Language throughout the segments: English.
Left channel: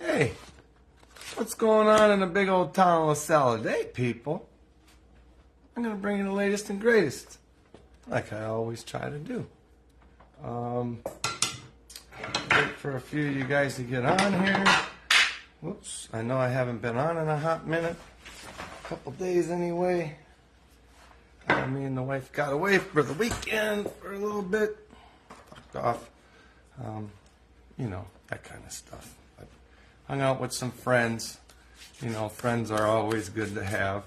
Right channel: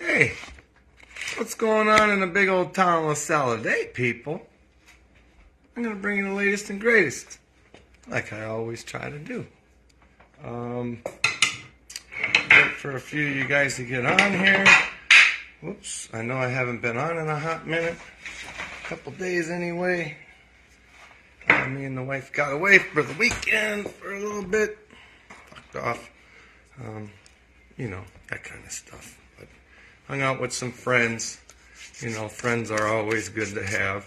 Hey, what's going on in the big old town of LaSalle today, people? I'm going to bring you the latest and greatest, like I always try to do. Wait for a few of you guys to get on here. Whoops, I know I haven't been on in a hot minute. A couple days anyway. Me and the wife got away for the weekend for a little bit. Fucked off. You know, that kind of stuff. But hung out with some friends. You know, friends are always good to have.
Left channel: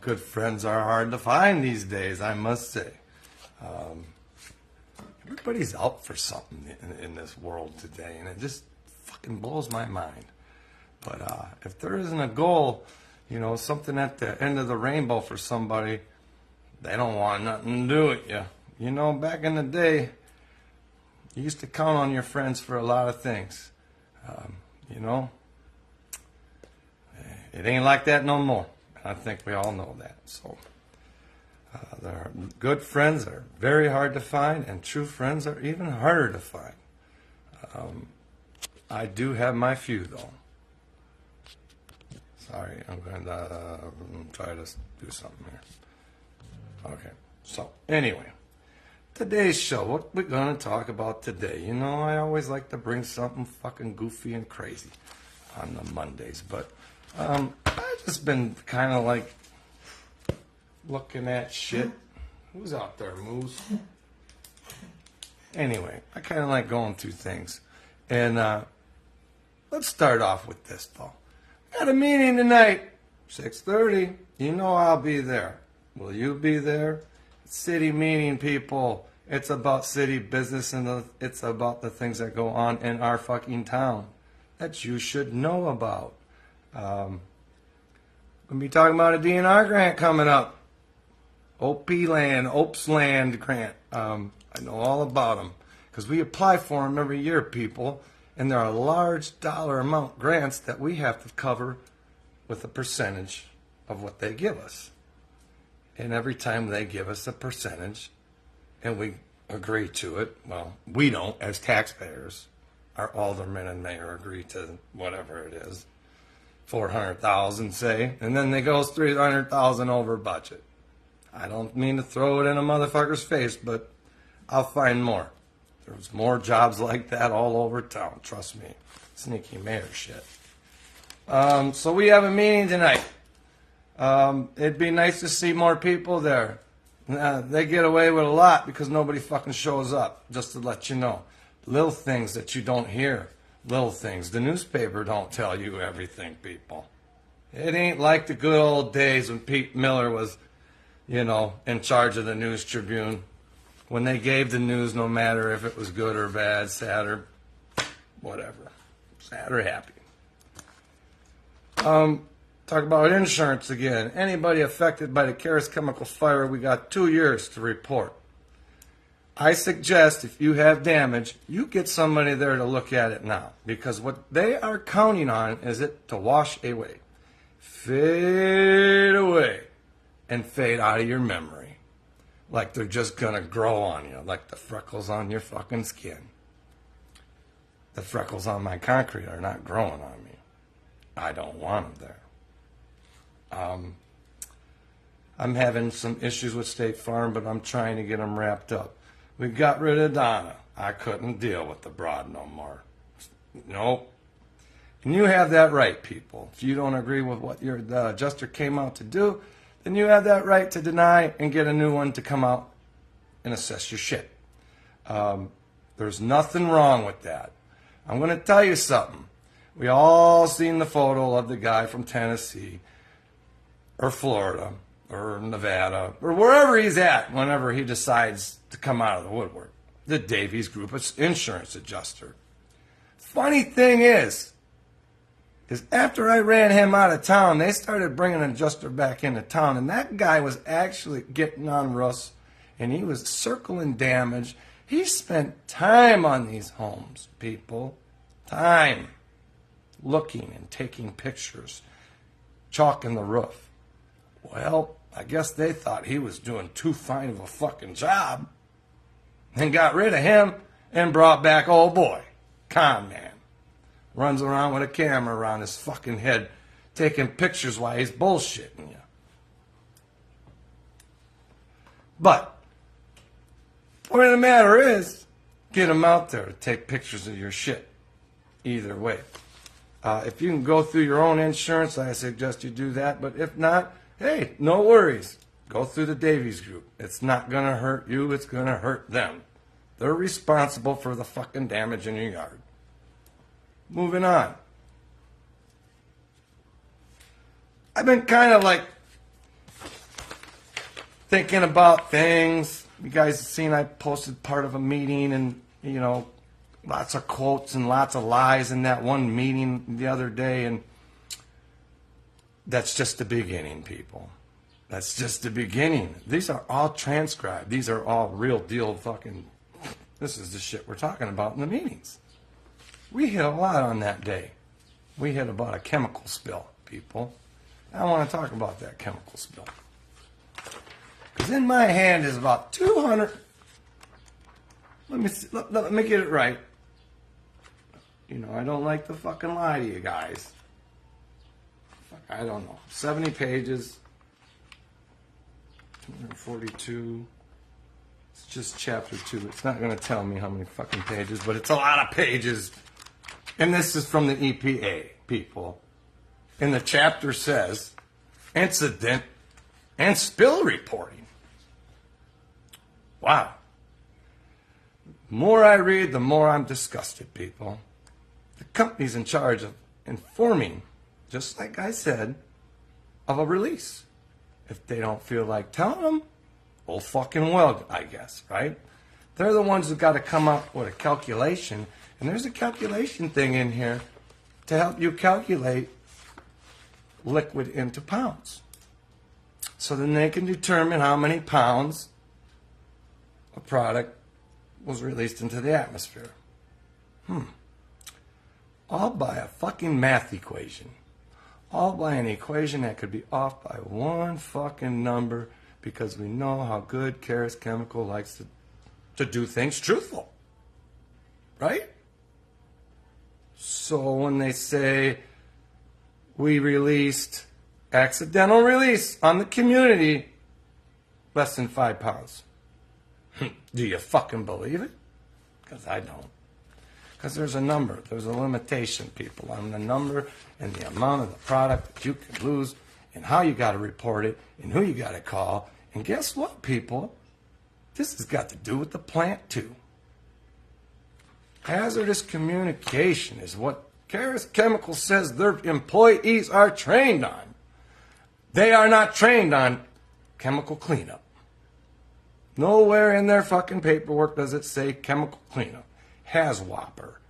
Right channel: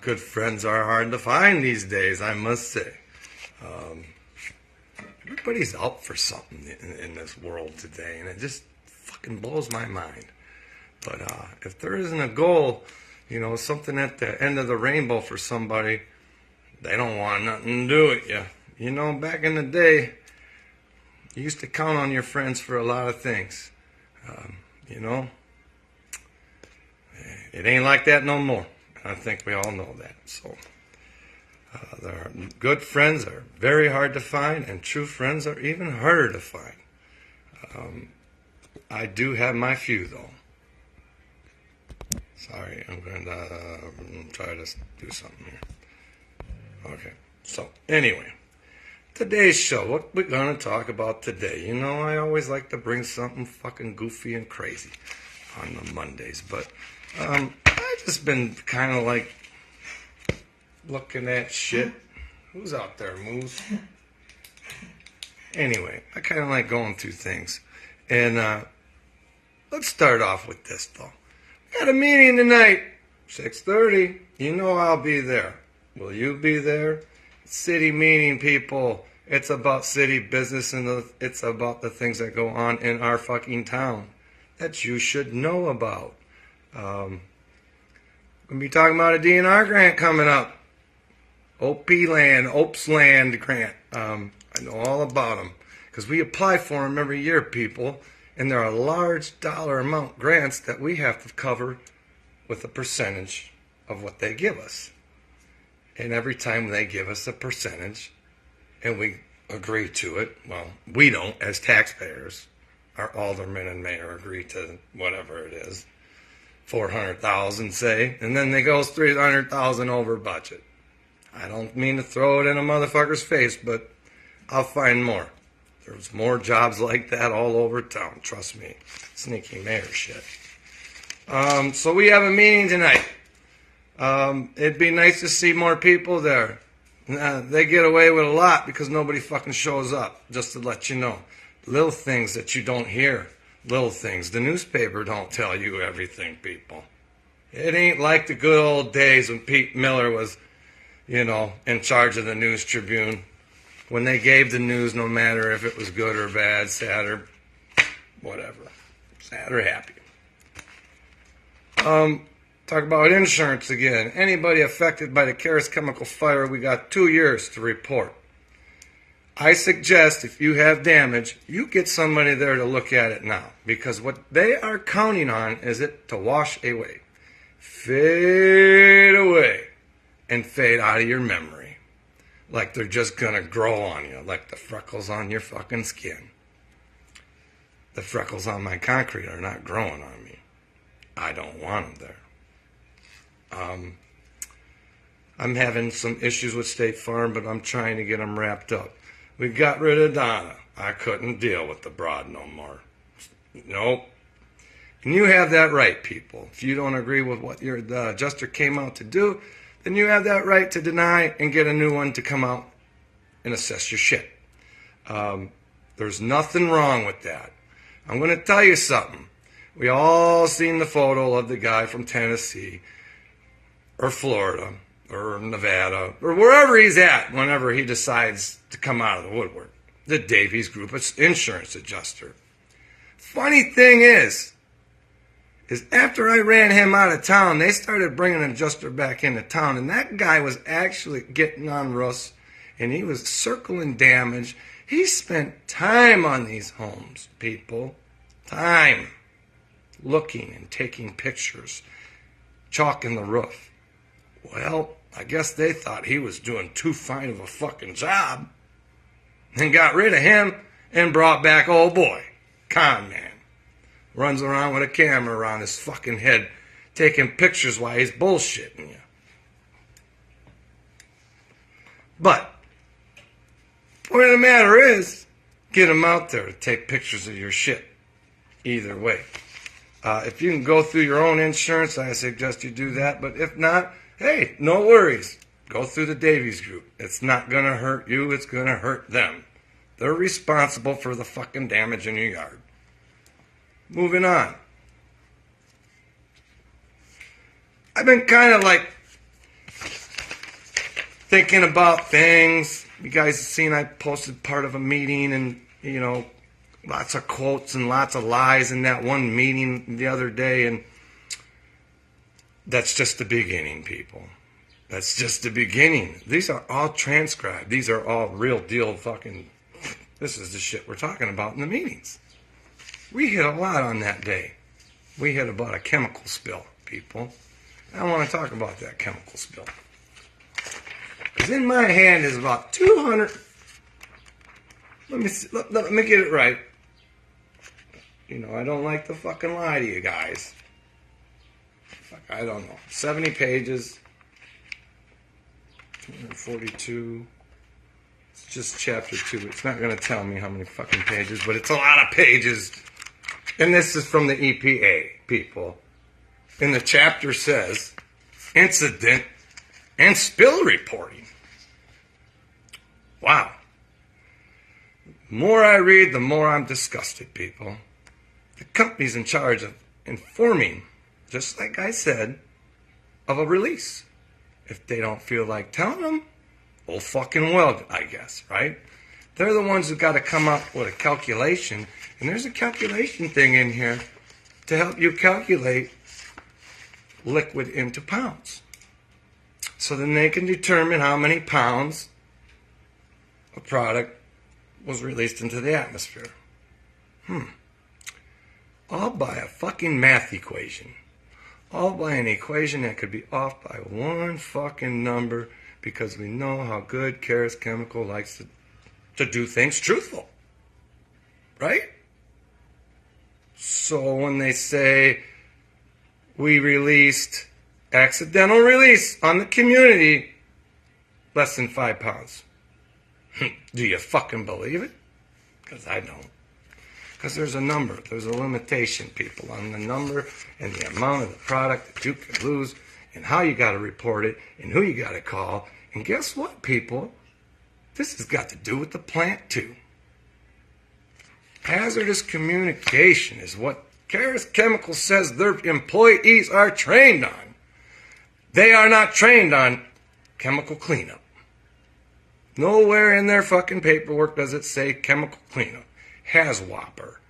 Good friends are hard to find these days, I must say. Everybody's out for something in this world today, and it just fucking blows my mind. But if there isn't a goal, you know, something at the end of the rainbow for somebody, they don't want nothing to do with you. You know, back in the day, you used to count on your friends for a lot of things. You know, it ain't like that no more. I think we all know that. So, there are good friends are very hard to find, and true friends are even harder to find. I do have my few, though. Sorry, I'm going to try to do something here. Okay, so anyway, today's show, what we're going to talk about today. You know, I always like to bring something fucking goofy and crazy on the Mondays, but I've just been kind of like looking at shit. Who's out there, Moose? Anyway, I kind of like going through things. And let's start off with this, though. We got a meeting tonight, 6:30. You know I'll be there. Will you be there? City meeting, people. It's about city business, and it's about the things that go on in our fucking town that you should know about. We'll be talking about a DNR grant coming up. Ops Land grant. I know all about them because we apply for them every year, people. And there are large dollar amount grants that we have to cover with a percentage of what they give us. And every time they give us a percentage and we agree to it, well, we don't as taxpayers. Our aldermen and mayor agree to whatever it is, 400,000 say, and then they go 300,000 over budget. I don't mean to throw it in a motherfucker's face, but I'll find more. There's more jobs like that all over town, trust me. Sneaky mayor shit. So we have a meeting tonight. It'd be nice to see more people there. They get away with a lot because nobody fucking shows up, just to let you know. Little things that you don't hear. Little things. The newspaper don't tell you everything, people. It ain't like the good old days when Pete Miller was, you know, in charge of the News Tribune. When they gave the news, no matter if it was good or bad, sad or whatever. Sad or happy. Talk about insurance again. Anybody affected by the Carus Chemical fire, we got 2 years to report. I suggest if you have damage, you get somebody there to look at it now. Because what they are counting on is it to wash away. Fade away. And fade out of your memory. Like they're just going to grow on you. Like the freckles on your fucking skin. The freckles on my concrete are not growing on me. I don't want them there. I'm having some issues with State Farm, but I'm trying to get them wrapped up. We got rid of Donna. I couldn't deal with the broad no more. Nope. And you have that right, people. If you don't agree with what the adjuster came out to do, then you have that right to deny and get a new one to come out and assess your shit. There's nothing wrong with that. I'm going to tell you something. We all seen the photo of the guy from Tennessee or Florida or Nevada or wherever he's at whenever he decides to come out of the woodwork. The Davies Group insurance adjuster. Funny thing is after I ran him out of town, they started bringing an adjuster back into town, and that guy was actually getting on Russ, and he was circling damage. He spent time on these homes, people. Time. Looking and taking pictures. Chalking the roof. Well, I guess they thought he was doing too fine of a fucking job, and got rid of him and brought back old boy, Con Man. runs around with a camera around his fucking head, taking pictures while he's bullshitting you. But, point of the matter is, get them out there to take pictures of your shit. Either way. If you can go through your own insurance, I suggest you do that. But if not, hey, no worries. Go through the Davies Group. It's not going to hurt you. It's going to hurt them. They're responsible for the fucking damage in your yard. Moving on. I've been kind of like thinking about things. You guys have seen I posted part of a meeting and, you know, lots of quotes and lots of lies in that one meeting the other day. And that's just the beginning, people. That's just the beginning. These are all transcribed. These are all real deal fucking... This is the shit we're talking about in the meetings. We hit a lot on that day. We hit about a chemical spill, people. I want to talk about that chemical spill. Because in my hand is about 200... Let me see, let me get it right. You know, I don't like to fucking lie to you guys. Fuck, I don't know. 70 pages. 242. It's just chapter 2. It's not going to tell me how many fucking pages, but it's a lot of pages. And this is from the EPA, people. And the chapter says, incident and spill reporting. Wow. The more I read, the more I'm disgusted, people. The company's in charge of informing, just like I said, of a release. If they don't feel like telling them, oh fucking well, I guess, right? They're the ones who got to come up with a calculation. And there's a calculation thing in here to help you calculate liquid into pounds. So then they can determine how many pounds a product was released into the atmosphere. All by a fucking math equation. All by an equation that could be off by one fucking number because we know how good Carus Chemical likes to do things truthful. Right? So when they say we released accidental release on the community less than 5 pounds. Do you fucking believe it? Because I don't. Because there's a number, there's a limitation, people, on the number and the amount of the product that you can lose and how you got to report it and who you got to call. And guess what, people? This has got to do with the plant, too. Hazardous communication is what Carus Chemical says their employees are trained on. They are not trained on chemical cleanup. Nowhere in their fucking paperwork does it say chemical cleanup. Has whopper.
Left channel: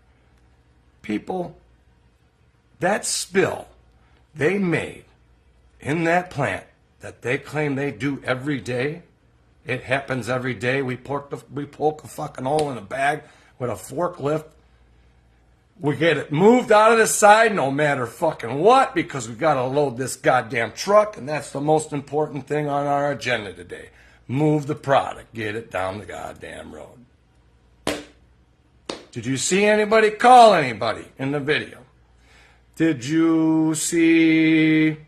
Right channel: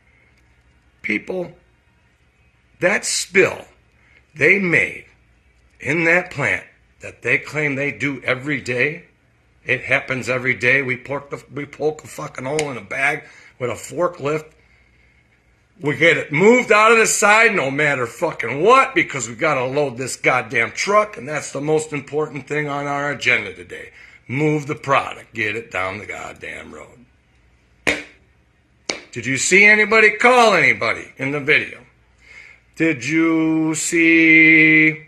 People, that spill they made in that plant that they claim they do every day, it happens every day. We poke a fucking hole in a bag with a forklift. We get it moved out of the side no matter fucking what because we got to load this goddamn truck, and that's the most important thing on our agenda today. Move the product. Get it down the goddamn road. Did you see anybody call anybody in the video? Did you see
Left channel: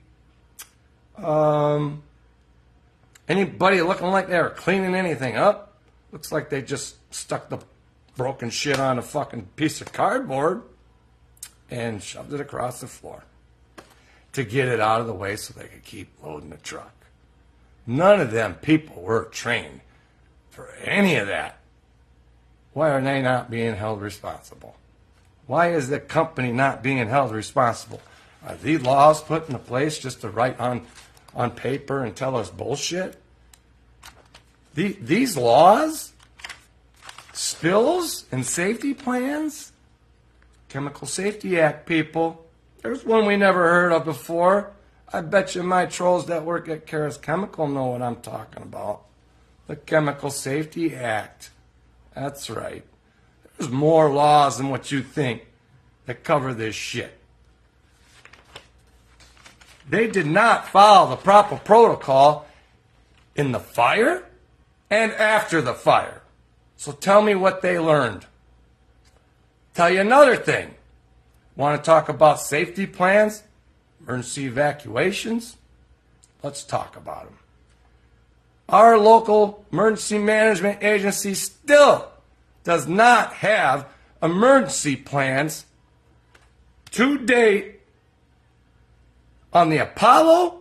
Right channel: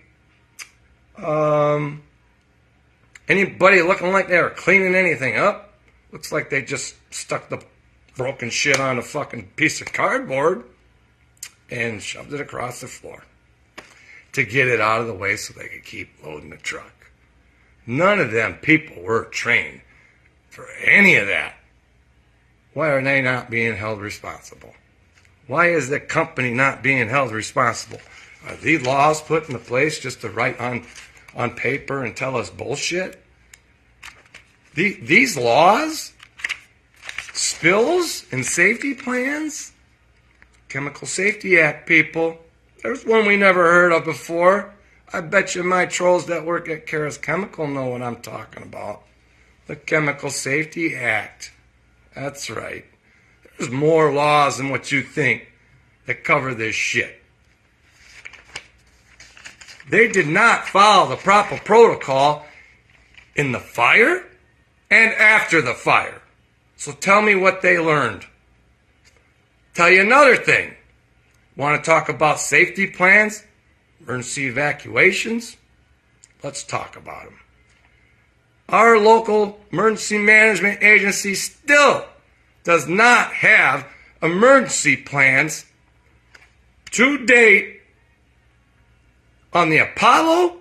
anybody looking like they were cleaning anything up? Looks like they just stuck the broken shit on a fucking piece of cardboard and shoved it across the floor to get it out of the way so they could keep loading the truck. None of them people were trained for any of that. Why are they not being held responsible? Why is the company not being held responsible? Are these laws put into place just to write on paper and tell us bullshit? These laws, spills and safety plans, Chemical Safety Act, people, there's one we never heard of before. I bet you my trolls that work at Carus Chemical know what I'm talking about. The Chemical Safety Act. That's right. There's more laws than what you think that cover this shit. They did not follow the proper protocol in the fire and after the fire. So tell me what they learned. Tell you another thing. Want to talk about safety plans? Emergency evacuations? Let's talk about them. Our local emergency management agency still does not have emergency plans to date on the Apollo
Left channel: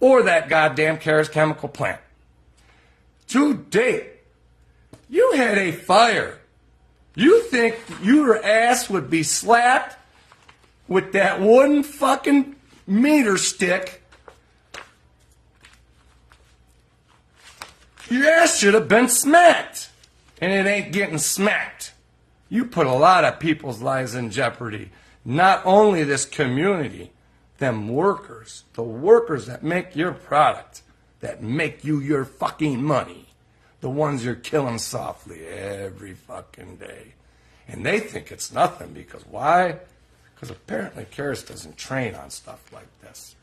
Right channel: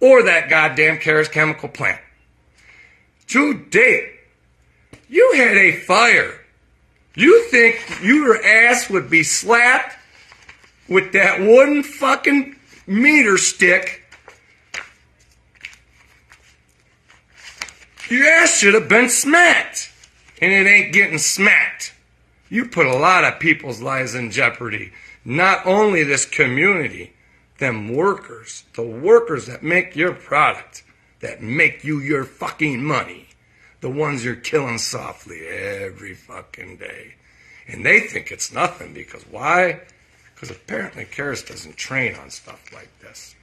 or that goddamn Carus Chemical plant. To date, you had a fire. You think your ass would be slapped with that wooden fucking meter stick? Your ass should have been smacked. And it ain't getting smacked. You put a lot of people's lives in jeopardy. Not only this community, them workers, the workers that make your product, that make you your fucking money, the ones you're killing softly every fucking day. And they think it's nothing because why? Because apparently Carus doesn't train on stuff like this,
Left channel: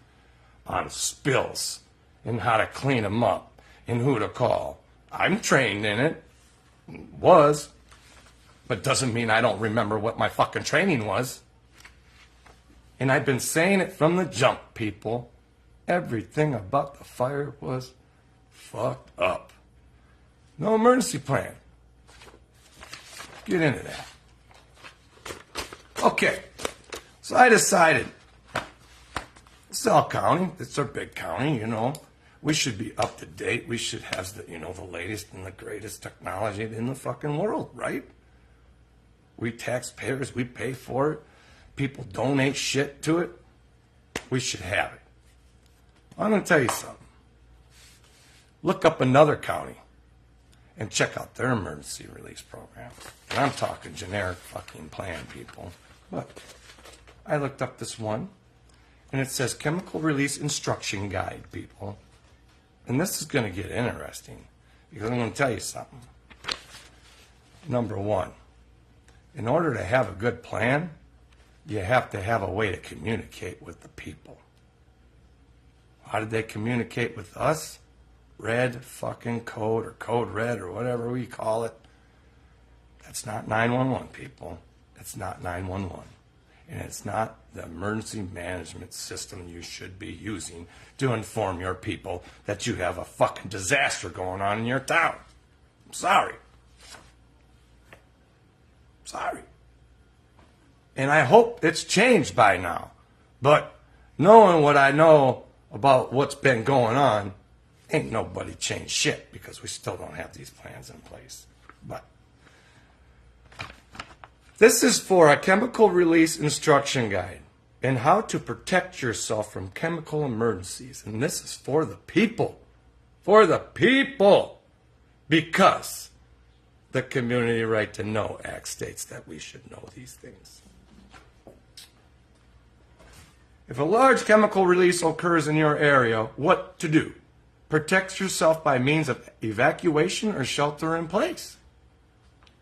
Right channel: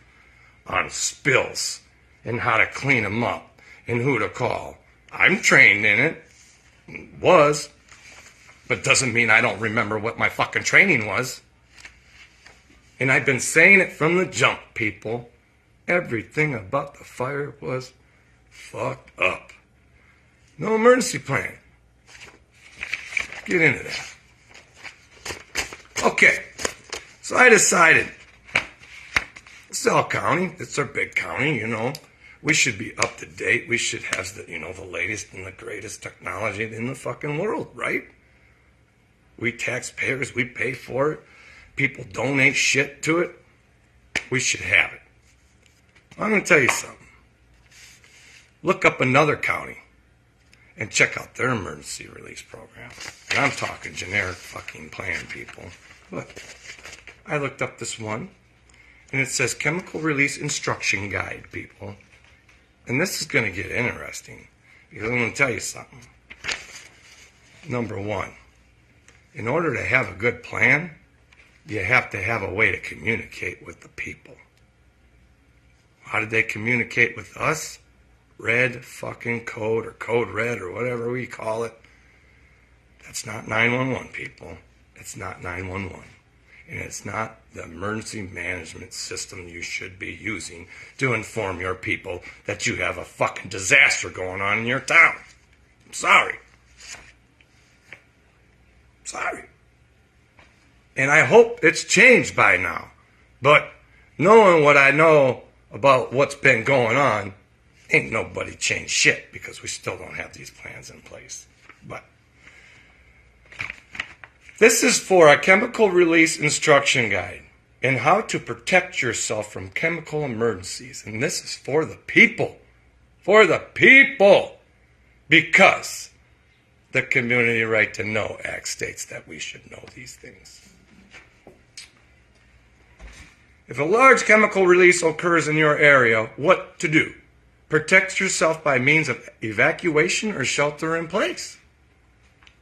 on spills and how to clean them up and who to call. I'm trained in it, was, but doesn't mean I don't remember what my fucking training was. And I've been saying it from the jump, people. Everything about the fire was fucked up. No emergency plan. Get into that. Okay, so I decided, South County, it's our big county, you know. We should be up to date. We should have the, you know, the latest and the greatest technology in the fucking world, right? We taxpayers, we pay for it. People donate shit to it. We should have it. I'm going to tell you something. Look up another county and check out their emergency release program. And I'm talking generic fucking plan, people. But I looked up this one, and it says Chemical Release Instruction Guide, people. And this is going to get interesting, because I'm going to tell you something. Number one, in order to have a good plan, you have to have a way to communicate with the people. How did they communicate with us? Red fucking code, or code red, or whatever we call it. That's not 911, people. It's not 911. And it's not the emergency management system you should be using to inform your people that you have a fucking disaster going on in your town. I'm sorry. Sorry. And I hope it's changed by now. But knowing what I know about what's been going on, ain't nobody changed shit because we still don't have these plans in place. But this is for a chemical release instruction guide and how to protect yourself from chemical emergencies. And this is for the people. For the people. Because the Community Right to Know Act states that we should know these things. If a large chemical release occurs in your area, what to do? Protect yourself by means of evacuation or shelter in place.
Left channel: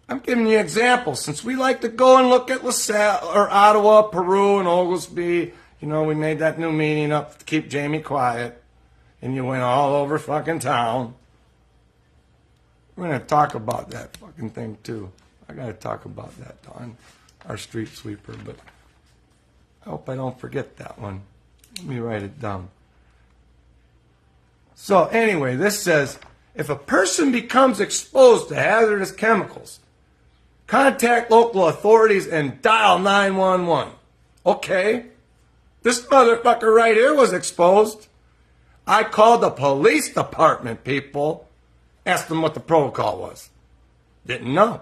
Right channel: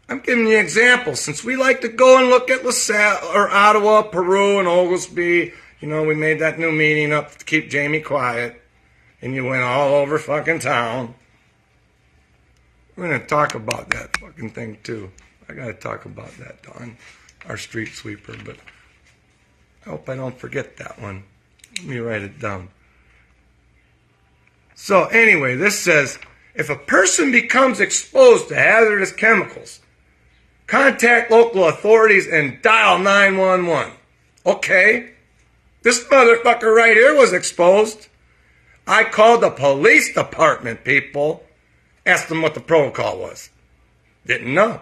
I'm giving you examples. Since we like to go and look at LaSalle or Ottawa, Peru, and Oglesby, you know, we made that new meeting up to keep Jamie quiet, and you went all over fucking town. We're going to talk about that fucking thing, too. I got to talk about that, Don, our street sweeper, but I hope I don't forget that one. Let me write it down. So anyway, this says, if a person becomes exposed to hazardous chemicals, contact local authorities and dial 911. Okay, this motherfucker right here was exposed. I called the police department, people. Asked them what the protocol was. Didn't know.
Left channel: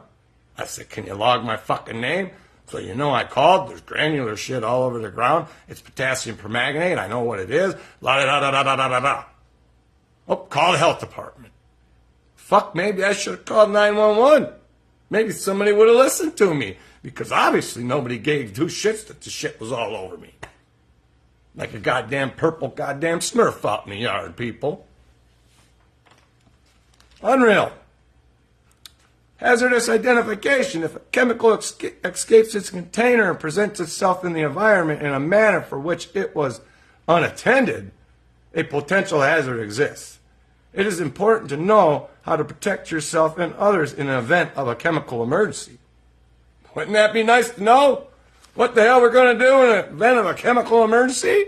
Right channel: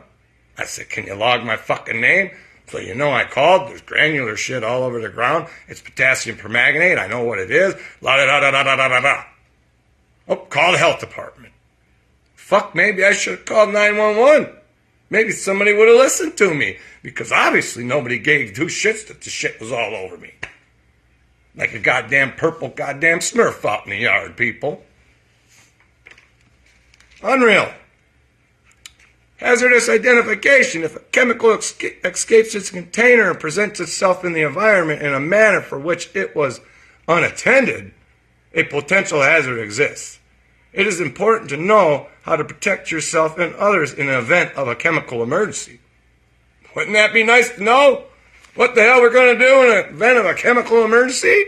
I said, can you log my fucking name? So you know I called. There's granular shit all over the ground. It's potassium permanganate. I know what it is. La da da da da da da da. Oh, call the health department. Fuck, maybe I should have called 911. Maybe somebody would have listened to me. Because obviously nobody gave two shits that the shit was all over me. Like a goddamn purple goddamn Smurf out in the yard, people. Unreal. Hazardous identification. If a chemical escapes its container and presents itself in the environment in a manner for which it was unattended, a potential hazard exists. It is important to know how to protect yourself and others in the event of a chemical emergency. Wouldn't that be nice to know? what the hell we're going to do in the event of a chemical emergency?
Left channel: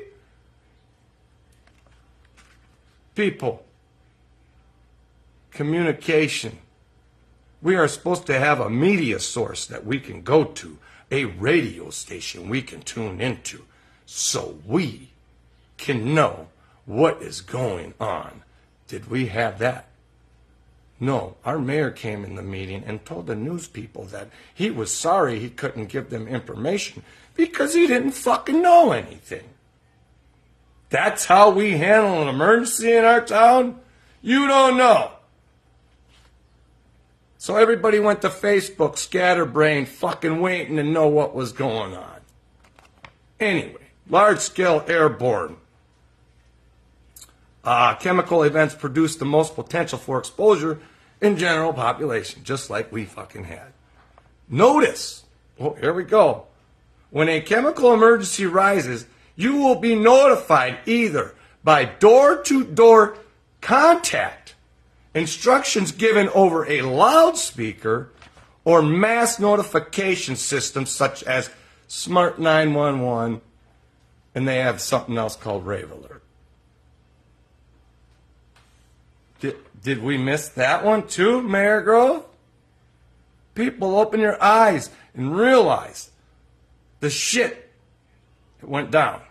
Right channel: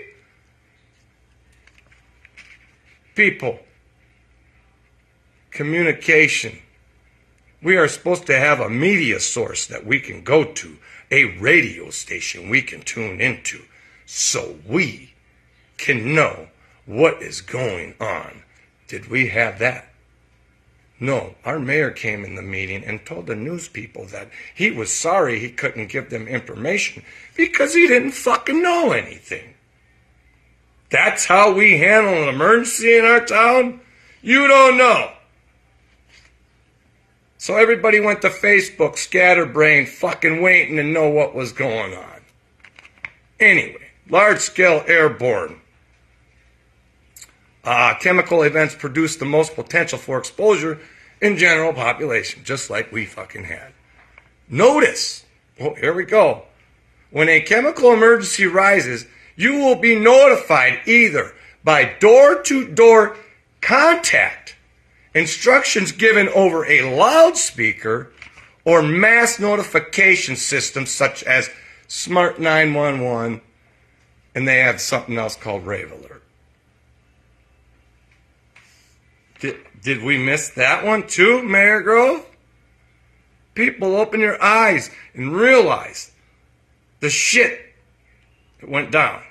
People, communication. We are supposed to have a media source that we can go to, a radio station we can tune into, so we can know what is going on. Did we have that? No, our mayor came in the meeting and told the news people that he was sorry he couldn't give them information because he didn't fucking know anything. That's how we handle an emergency in our town? You don't know. So everybody went to Facebook, scatterbrained, fucking waiting to know what was going on. Anyway, large-scale airborne. Chemical events produce the most potential for exposure in general population, just like we fucking had. Notice, oh, here we go. When a chemical emergency rises, you will be notified either by door-to-door contact, instructions given over a loudspeaker, or mass notification systems such as Smart 911, and they have something else called Rave Alert. Did we miss that one too, Mayor Grove? People, open your eyes and realize the shit that went down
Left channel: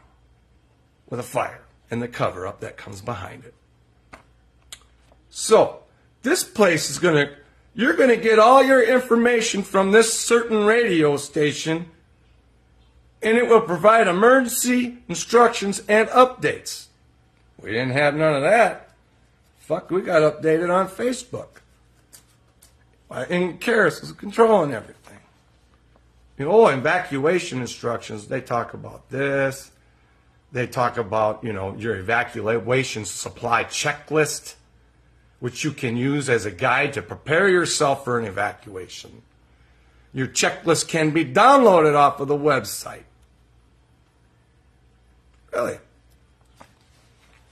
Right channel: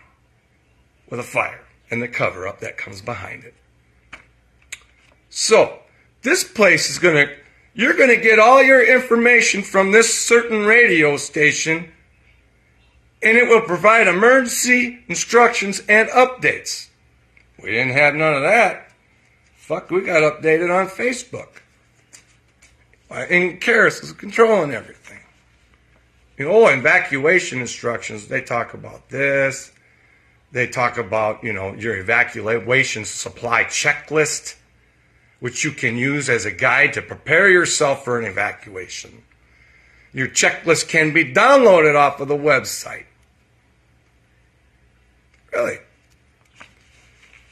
with a fire and the cover-up that comes behind it. So, this place is you're gonna get all your information from this certain radio station, and it will provide emergency instructions and updates. We didn't have none of that. Fuck, we got updated on Facebook. And Carus is controlling everything. Evacuation instructions, they talk about this. They talk about, your evacuation supply checklist, which you can use as a guide to prepare yourself for an evacuation. Your checklist can be downloaded off of the website. Really?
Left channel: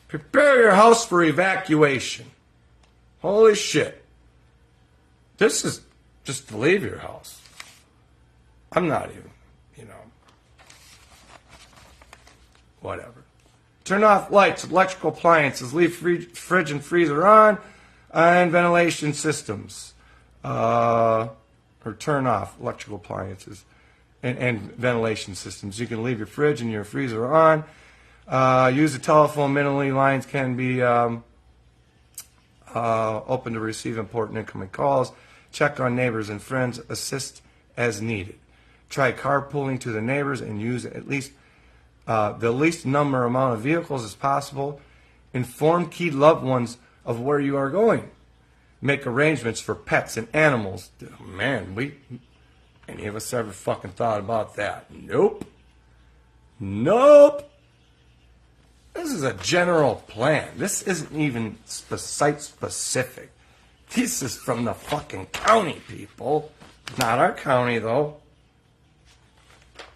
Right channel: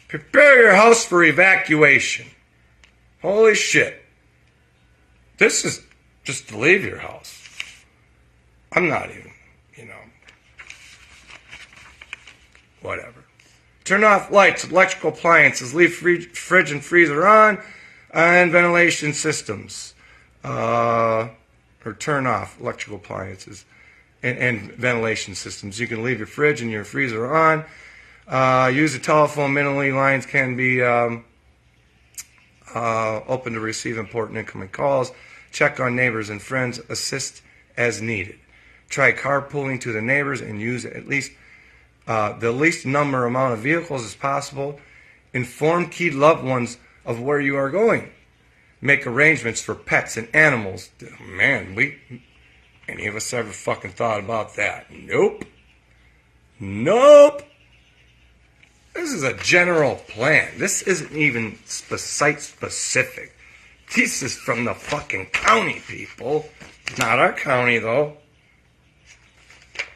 Prepare your house for evacuation. Holy shit. This is just to leave your house. I'm not even, whatever. Turn off lights, electrical appliances, leave fridge and freezer on, and ventilation systems. Or turn off electrical appliances and ventilation systems. You can leave your fridge and your freezer on. Use the telephone. Minimally lines can be open to receive important incoming calls. Check on neighbors and friends. Assist as needed. Try carpooling to the neighbors and use at least the least number amount of vehicles as possible. Inform key loved ones of where you are going. Make arrangements for pets and animals. Man, any of us ever fucking thought about that? Nope. This is a general plan. This isn't even site-specific. This is from the fucking county, people. Not our county, though.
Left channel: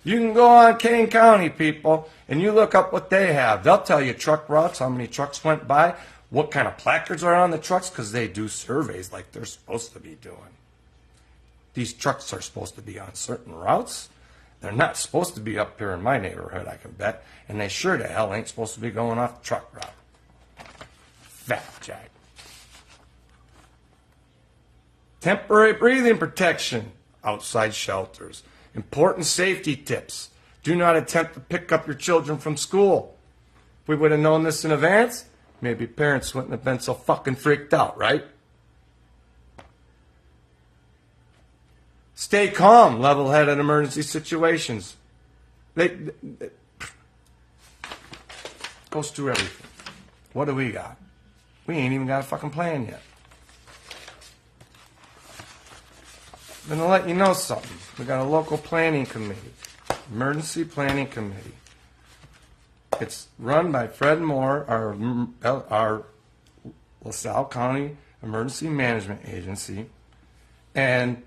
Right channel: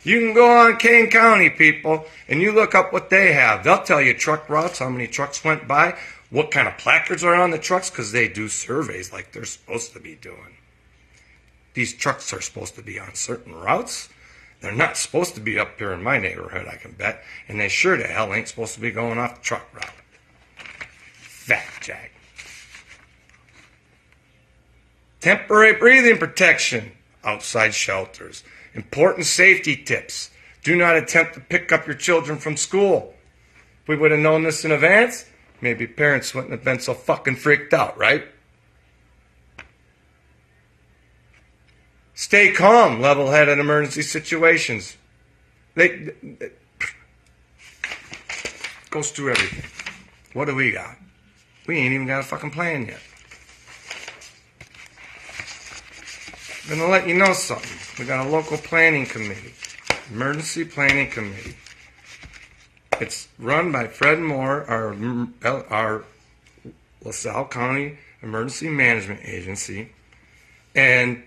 You can go on Kane County, people, and you look up what they have. They'll tell you truck routes, how many trucks went by, what kind of placards are on the trucks, because they do surveys like they're supposed to be doing. These trucks are supposed to be on certain routes. They're not supposed to be up here in my neighborhood, I can bet. And they sure the hell ain't supposed to be going off the truck route. Fact check. Temporary breathing protection outside shelters. Important safety tips. Do not attempt to pick up your children from school. If we would have known this in advance, maybe parents wouldn't have been so fucking freaked out, right? Stay calm, level-headed in emergency situations. Goes through everything. What do we got? We ain't even got a fucking plan yet. I'm gonna let you know something. We got a local planning committee, emergency planning committee. It's run by Fred Moore, our LaSalle County Emergency Management Agency, and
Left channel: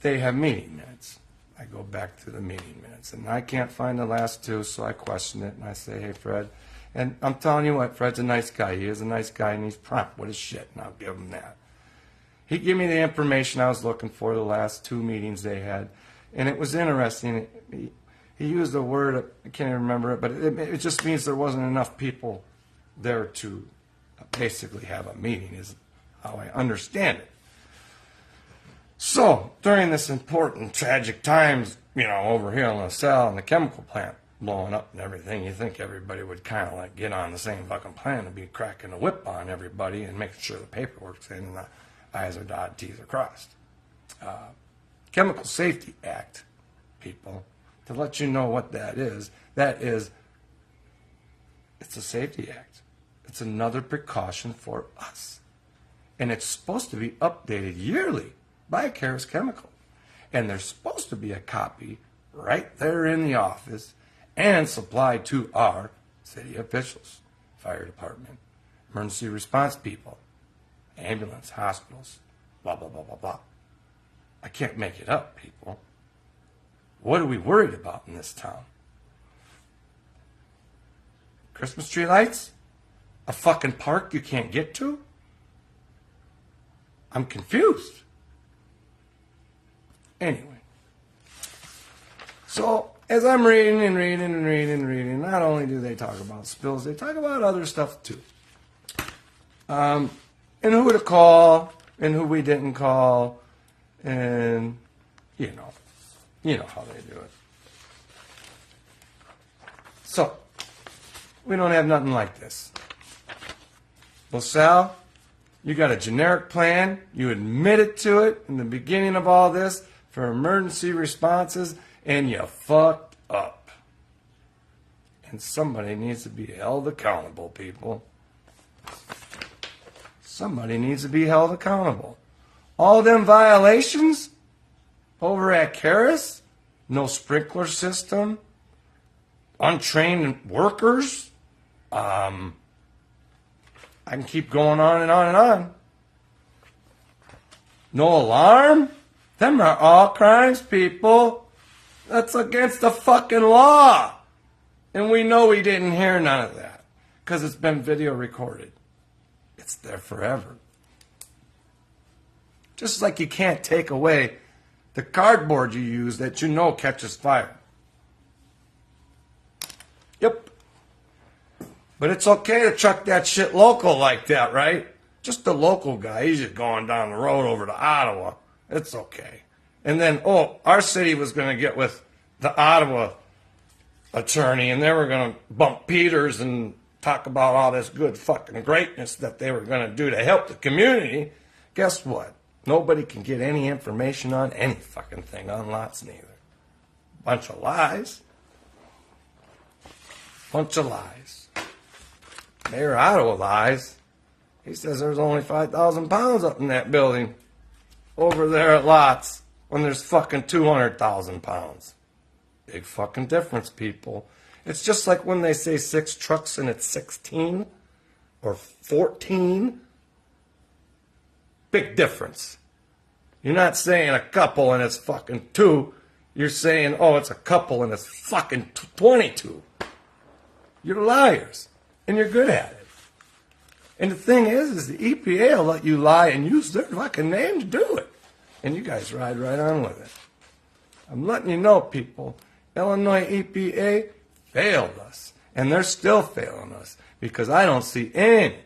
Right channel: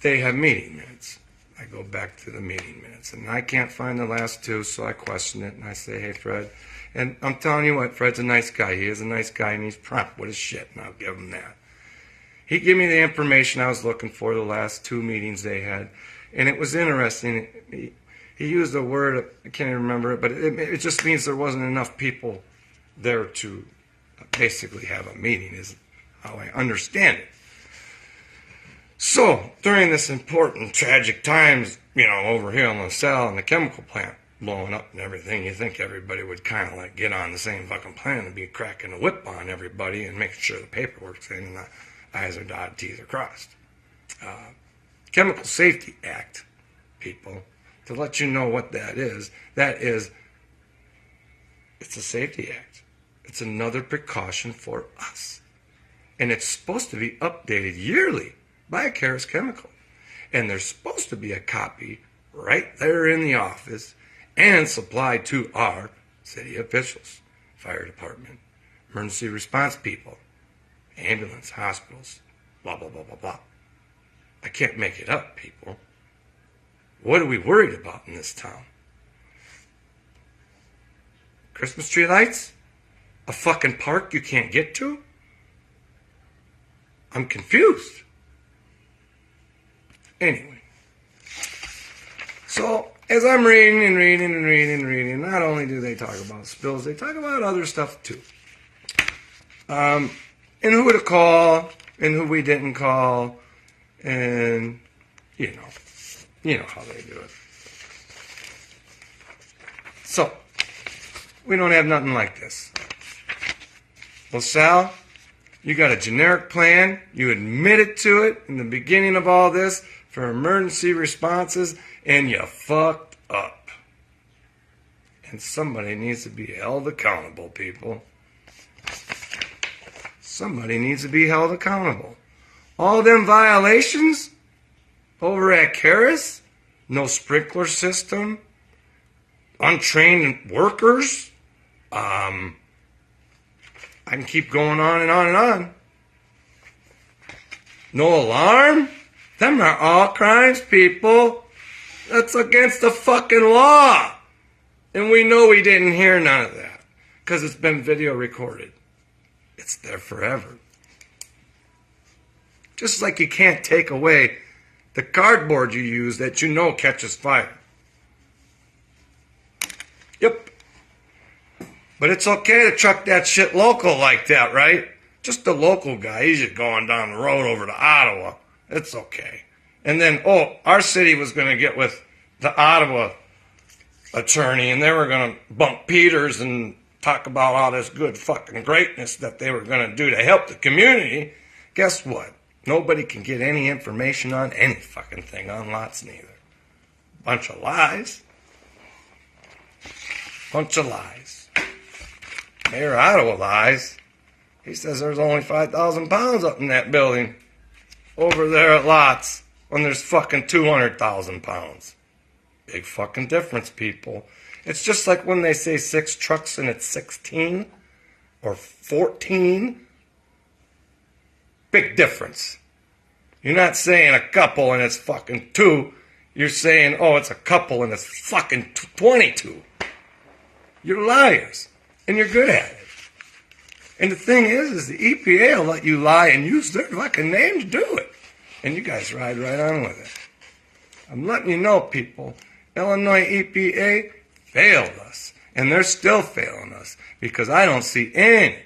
they have meeting minutes. I go back to the meeting minutes, and I can't find the last two, so I question it, and I say, hey, Fred. And I'm telling you what, Fred's a nice guy. He is a nice guy, and he's prompt with his shit, and I'll give him that. He gave me the information I was looking for the last two meetings they had. And it was interesting. He used a word, I can't even remember it, but it just means there wasn't enough people there to basically have a meeting, is how I understand it. So, during this important, tragic times, over here in LaSalle and the chemical plant blowing up and everything, you think everybody would kind of like get on the same fucking plan and be cracking a whip on everybody and making sure the paperwork's in and the I's are dotted, T's are crossed. Chemical Safety Act, people, to let you know what that is, it's a safety act. It's another precaution for us. And it's supposed to be updated yearly by Carus Chemical. And there's supposed to be a copy right there in the office and supplied to our city officials, fire department, emergency response people, ambulance, hospitals, blah, blah, blah, blah, blah. I can't make it up, people. What are we worried about in this town? Christmas tree lights? A fucking park you can't get to? I'm confused. Anyway. So, as I'm reading, not only do they talk about spills, they talk about other stuff too. And who to call, and who we didn't call, and, you know how they do it. So, we don't have nothing like this. LaSalle, you got a generic plan. You admitted to it in the beginning of all this for emergency responses, and you fucked up. And somebody needs to be held accountable, people. Somebody needs to be held accountable. All them violations over at Carus, no sprinkler system, untrained workers, I can keep going on and on and on. No alarm? Them are all crimes, people. That's against the fucking law. And we know we didn't hear none of that because it's been video recorded. It's there forever. Just like you can't take away the cardboard you use that you know catches fire. Yep. But it's okay to truck that shit local like that, right? Just the local guy. He's just going down the road over to Ottawa. It's okay. And then, our city was going to get with the Ottawa attorney, and they were going to bump Peters and talk about all this good fucking greatness that they were going to do to help the community. Guess what? Nobody can get any information on any fucking thing on lots neither. Bunch of lies. Bunch of lies. Mayor of Ottawa lies. He says there's only 5,000 pounds up in that building over there at lots when there's fucking 200,000 pounds. Big fucking difference, people. It's just like when they say 6 trucks and it's 16 or 14. Big difference. You're not saying a couple and it's fucking 2. You're saying, it's a couple and it's fucking 22. You're liars. And you're good at it. And the thing is the EPA will let you lie and use their fucking name to do it. And you guys ride right on with it. I'm letting you know, people, Illinois EPA failed us. And they're still failing us. Because I don't see any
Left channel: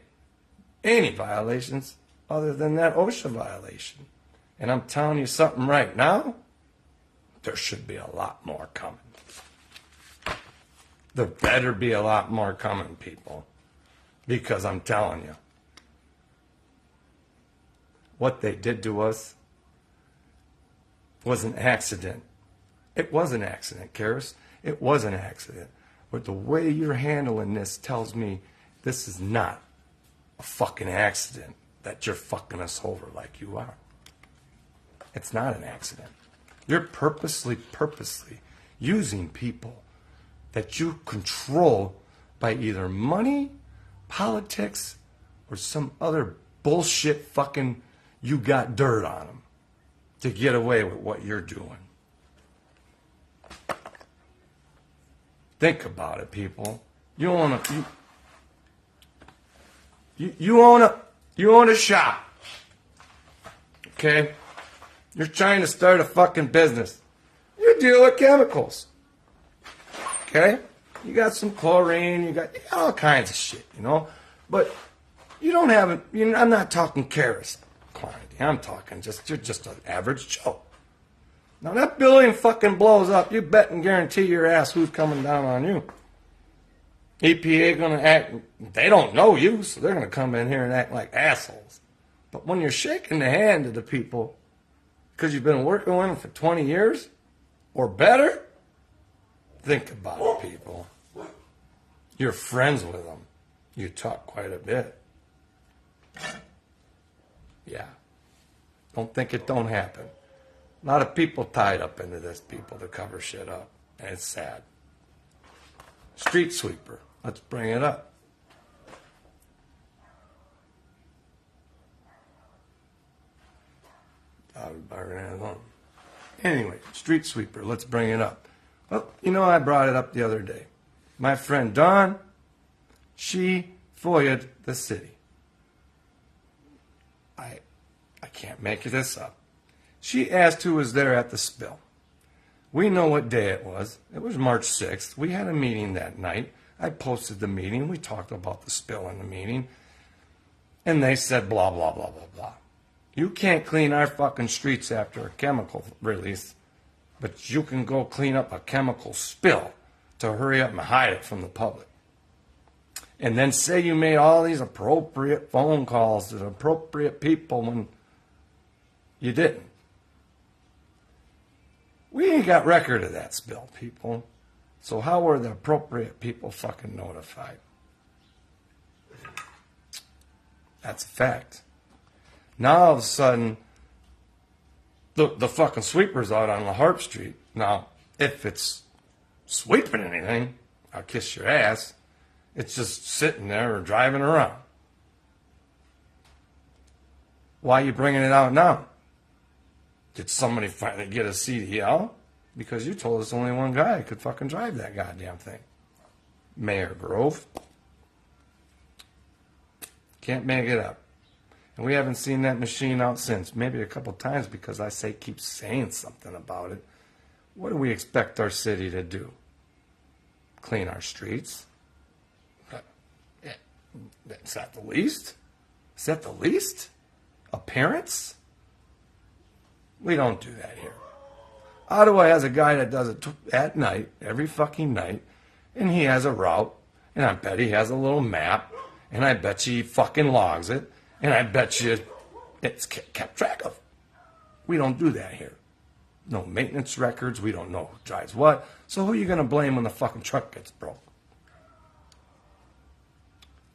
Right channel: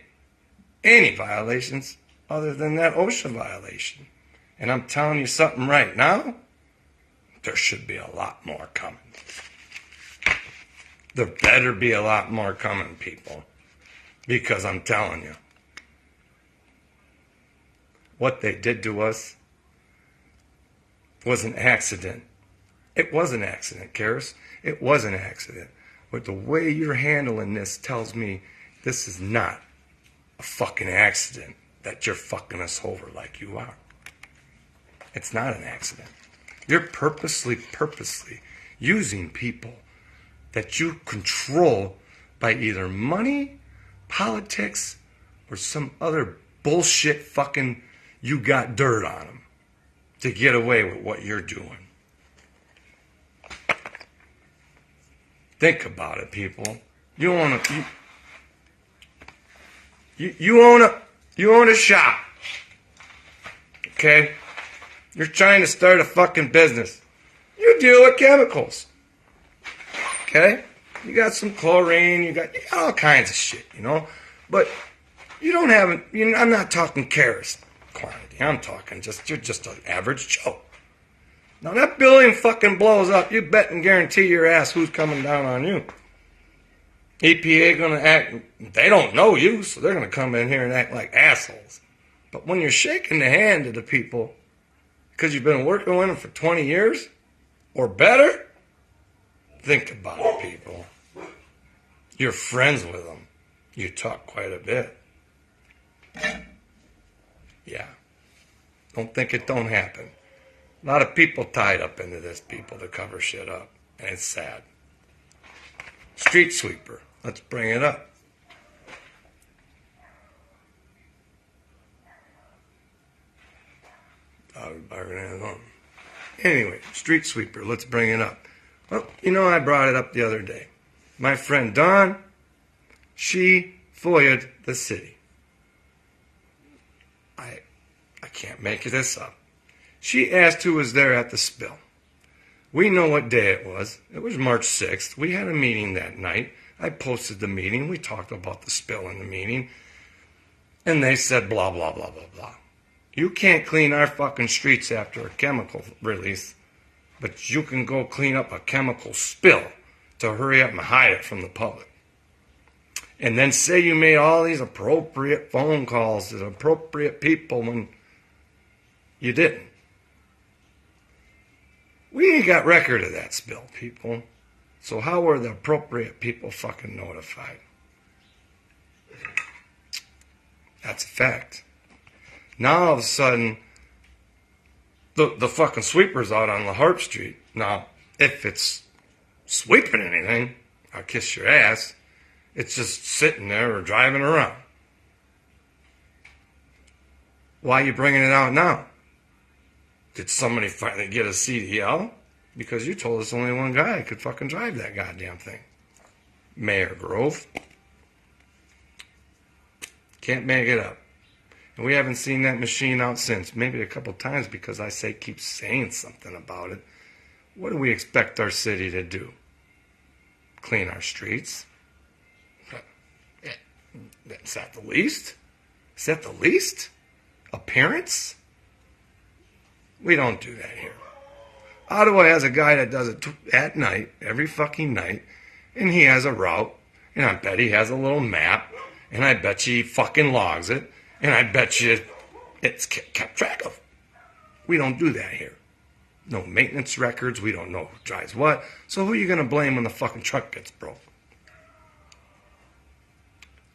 violations other than that OSHA violation. And I'm telling you something right now, there should be a lot more coming. There better be a lot more coming, people. Because I'm telling you, what they did to us was an accident. It was an accident, Carus. It was an accident. But the way you're handling this tells me this is not a fucking accident that you're fucking us over like you are. It's not an accident. You're purposely using people that you control by either money, politics, or some other bullshit fucking you got dirt on them to get away with what you're doing. Think about it, people. You own a shop. Okay? You're trying to start a fucking business. deal with chemicals. Okay? You got some chlorine, you got all kinds of shit, you know? But you don't have it, I'm not talking Carus quantity. I'm talking you're just an average Joe. Now that building fucking blows up, you bet and guarantee your ass who's coming down on you. EPA gonna act, they don't know you, so they're gonna come in here and act like assholes. But when you're shaking the hand of the people, because you've been working with them for 20 years or better, think about it, people. You're friends with them. You talk quite a bit. Yeah. Don't think it don't happen. A lot of people tied up into this, people, to cover shit up. And it's sad. Street sweeper. Let's bring it up. Anyway, street sweeper. Let's bring it up. Well, I brought it up the other day. My friend Dawn, she FOIA'd the city. I can't make this up. She asked who was there at the spill. We know what day it was. It was March 6th. We had a meeting that night. I posted the meeting. We talked about the spill in the meeting. And they said blah, blah, blah, blah, blah. You can't clean our fucking streets after a chemical release, but you can go clean up a chemical spill to hurry up and hide it from the public. And then say you made all these appropriate phone calls to the appropriate people when you didn't. We ain't got record of that spill, people. So how were the appropriate people fucking notified? That's a fact. Now all of a sudden, the fucking sweeper's out on La Harp Street. Now, if it's sweeping anything, I'll kiss your ass. It's just sitting there or driving around. Why are you bringing it out now? Did somebody finally get a CDL? Because you told us only one guy could fucking drive that goddamn thing. Mayor Grove. Can't make it up. And we haven't seen that machine out since. Maybe a couple times because keep saying something about it. What do we expect our city to do? Clean our streets? Is that the least? Is that the least? Appearance? We don't do that here. Ottawa has a guy that does it at night, every fucking night, and he has a route, and I bet he has a little map, and I bet you he fucking logs it, and I bet you it's kept track of. We don't do that here. No maintenance records, we don't know who drives what, so who are you going to blame when the fucking truck gets broke?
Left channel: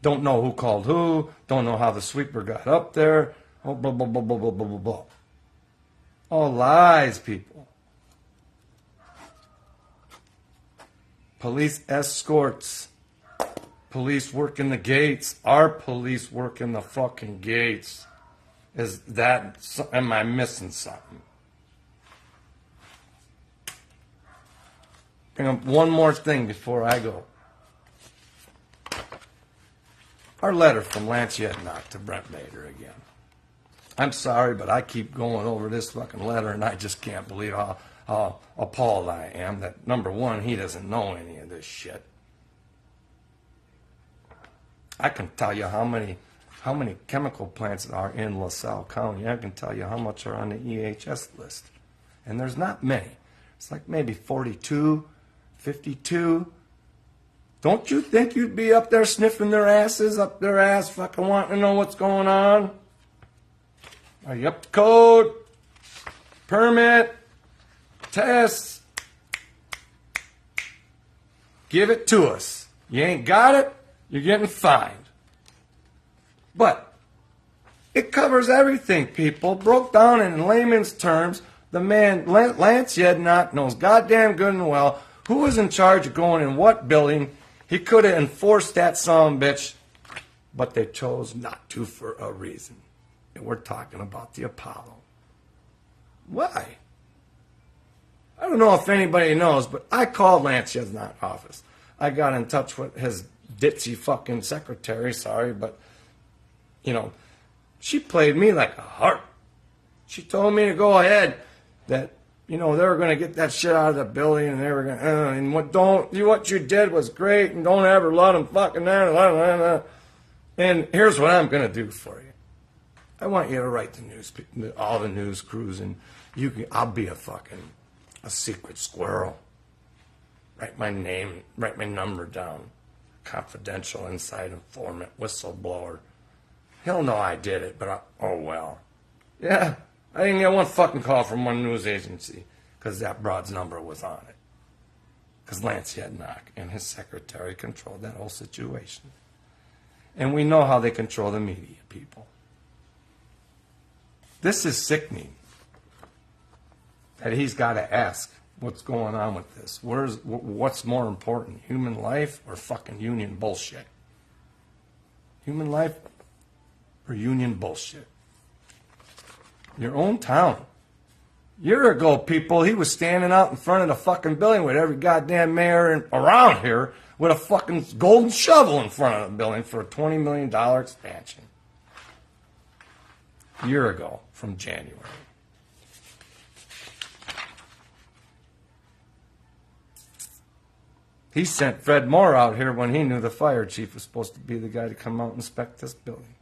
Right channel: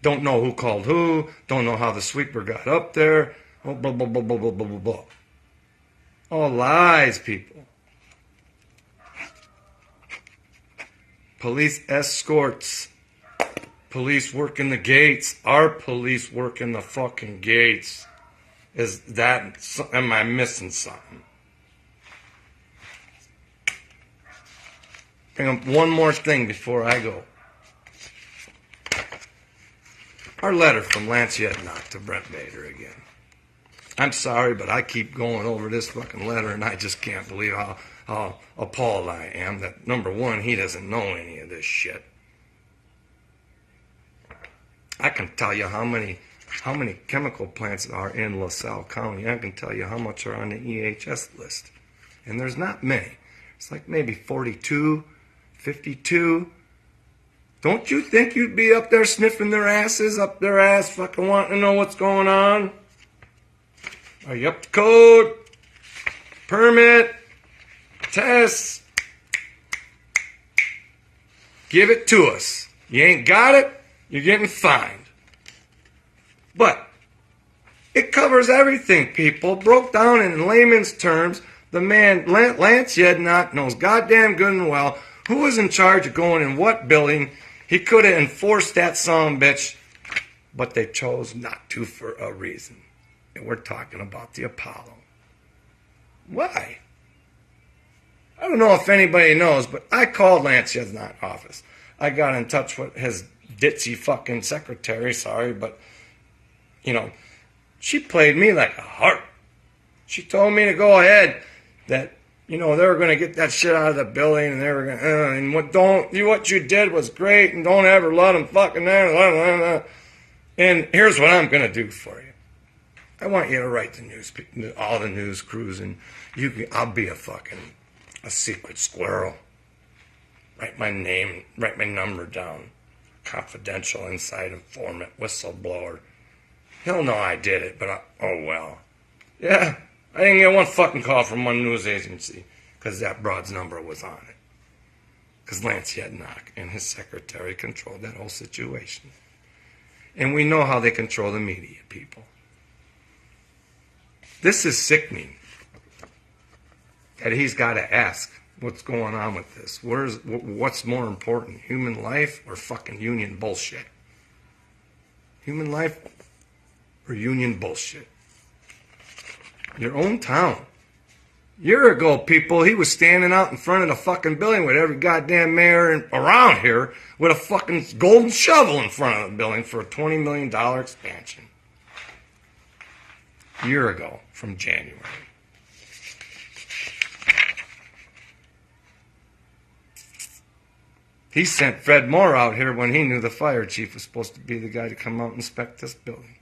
Don't know who called who, don't know how the sweeper got up there, oh, blah, blah, blah, blah, blah, blah, blah, blah. All lies, people. Police escorts. Police work in the gates. Our police work in the fucking gates. Am I missing something? Bring up one more thing before I go. Our letter from Lance Yetnock to Brent Bader again. I'm sorry, but I keep going over this fucking letter, and I just can't believe how appalled I am that, number one, he doesn't know any of this shit. I can tell you how many chemical plants are in LaSalle County. I can tell you how much are on the EHS list. And there's not many. It's like maybe 42, 52. Don't you think you'd be up there sniffing their asses, up their ass, fucking wanting to know what's going on? Are you up to code? Permit? Tests? Give it to us. You ain't got it, you're getting fined. But it covers everything, people. Broke down in layman's terms, the man, Lance Yetnock, knows goddamn good and well who was in charge of going in what building. He could have enforced that son bitch, but they chose not to for a reason. And we're talking about the Apollo. Why? I don't know if anybody knows, but I called Lance Yetnock's office. I got in touch with his ditzy fucking secretary, sorry, but, she played me like a harp. She told me to go ahead, that You know, they were going to get that shit out of the building, and they were going to, and what you did was great, and don't ever let them fucking, and here's what I'm going to do for you. I want you to write the news, all the news crews, and I'll be a secret squirrel. Write my name, write my number down. Confidential, inside informant, whistleblower. He'll know I did it, but oh well. Yeah, I didn't get one fucking call from one news agency because that broad's number was on it. Because Lance Yednock and his secretary controlled that whole situation. And we know how they control the media, people. This is sickening. That he's got to ask what's going on with this. What's more important, human life or fucking union bullshit? Human life or union bullshit? Your own town. A year ago, people, he was standing out in front of the fucking building with every goddamn mayor around here with a fucking golden shovel in front of the building for a $20 million expansion. A year ago, from January. He sent Fred Moore out here when he knew the fire chief was supposed to be the guy to come out and inspect this building.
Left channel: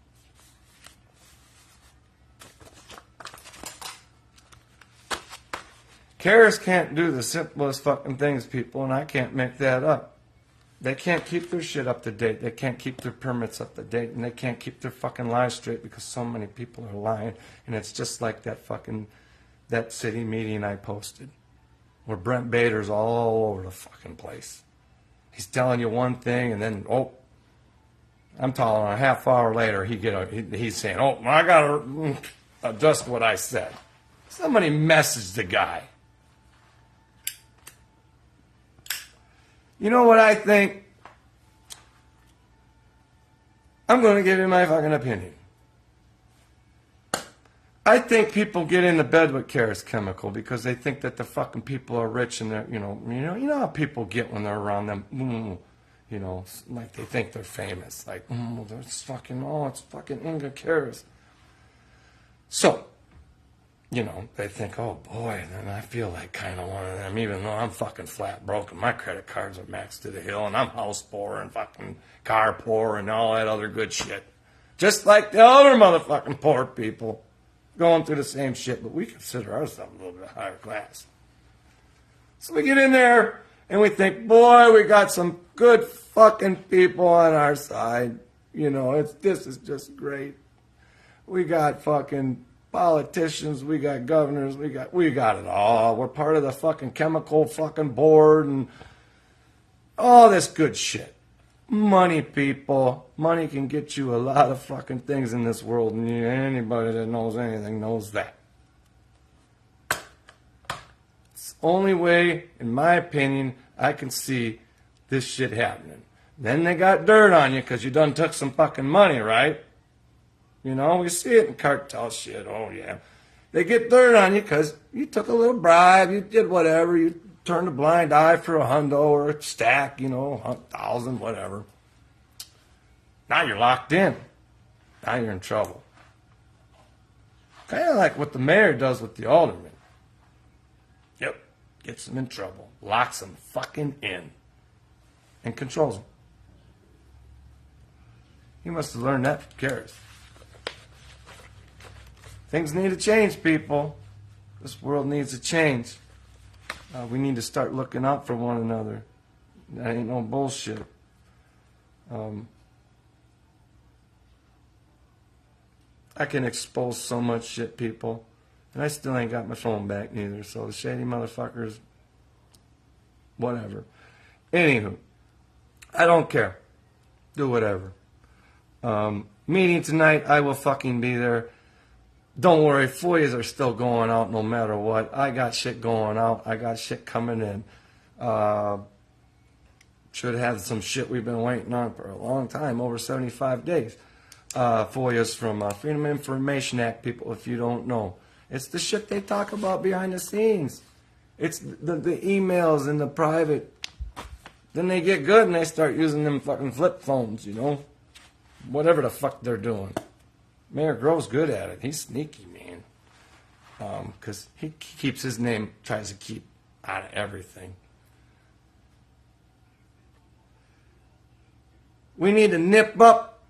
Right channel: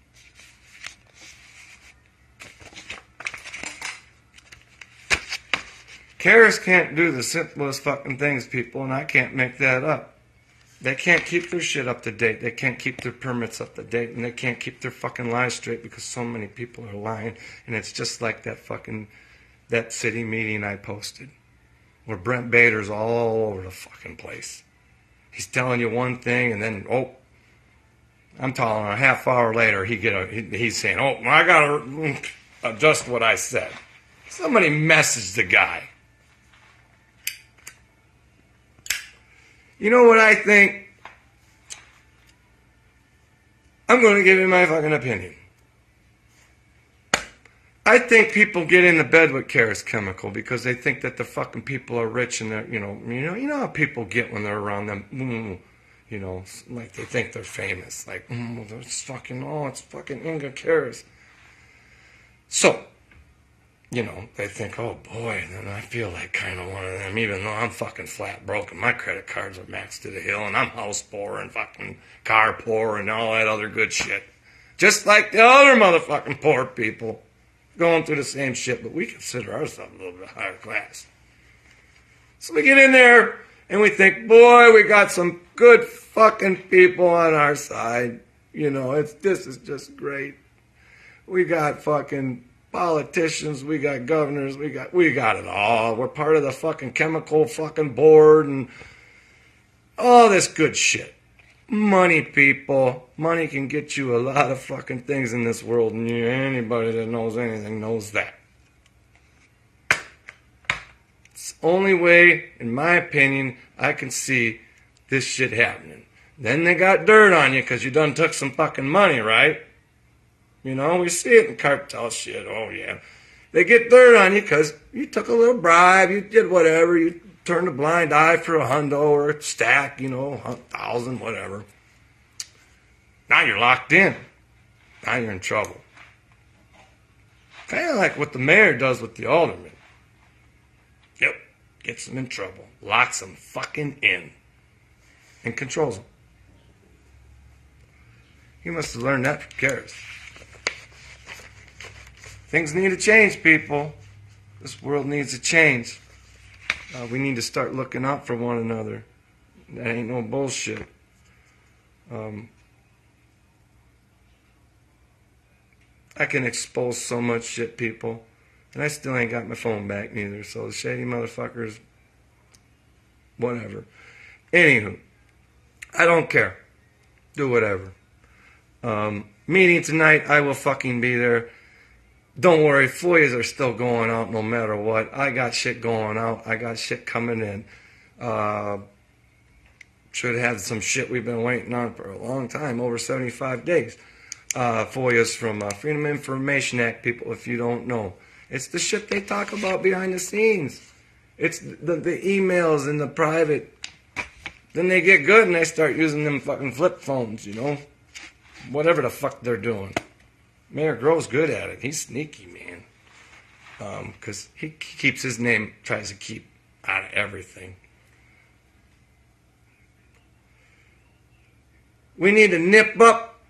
Carus can't do the simplest fucking things, people, and I can't make that up. They can't keep their shit up to date. They can't keep their permits up to date, and they can't keep their fucking lies straight because so many people are lying. And it's just like that city meeting I posted, where Brent Bader's all over the fucking place. He's telling you one thing, and then I'm telling him a half hour later he's saying, I gotta adjust what I said. Somebody messaged the guy. You know what I think? I'm going to give you my fucking opinion. I think people get into bed with Carus Chemical because they think that the fucking people are rich and that, you know how people get when they're around them, like they think they're famous. Like, it's fucking Inga Carus. So, they think, oh boy, then I feel like kind of one of them, even though I'm fucking flat broke and my credit cards are maxed to the hill and I'm house poor and fucking car poor and all that other good shit. Just like the other motherfucking poor people going through the same shit, but we consider ourselves a little bit higher class. So we get in there and we think, boy, we got some good fucking people on our side. This is just great. We got fucking politicians, we got governors, we got it all. We're part of the fucking chemical fucking board and all this good shit. Money, people. Money can get you a lot of fucking things in this world, and anybody that knows anything knows that. It's the only way, in my opinion, I can see this shit happening. Then they got dirt on you because you done took some fucking money, right? We see it in cartel shit. Oh, yeah. They get dirt on you because you took a little bribe. You did whatever. You turned a blind eye for a hundo or a stack, 1,000, whatever. Now you're locked in. Now you're in trouble. Kind of like what the mayor does with the alderman. Yep. Gets them in trouble. Locks them fucking in. And controls them. He must have learned that from Carus. Things need to change, people. This world needs to change. We need to start looking out for one another. That ain't no bullshit. I can expose so much shit, people. And I still ain't got my phone back neither. So the shady motherfuckers, whatever. Anywho, I don't care. Do whatever. Meeting tonight, I will fucking be there. Don't worry, FOIAs are still going out no matter what. I got shit going out. I got shit coming in. Should have some shit we've been waiting on for a long time, over 75 days. FOIAs from Freedom of Information Act, people, if you don't know. It's the shit they talk about behind the scenes. It's the emails and the private. Then they get good and they start using them fucking flip phones, Whatever the fuck they're doing. Mayor Grove's good at it. He's sneaky, man. because he keeps his name, tries to keep out of everything. We need to nip up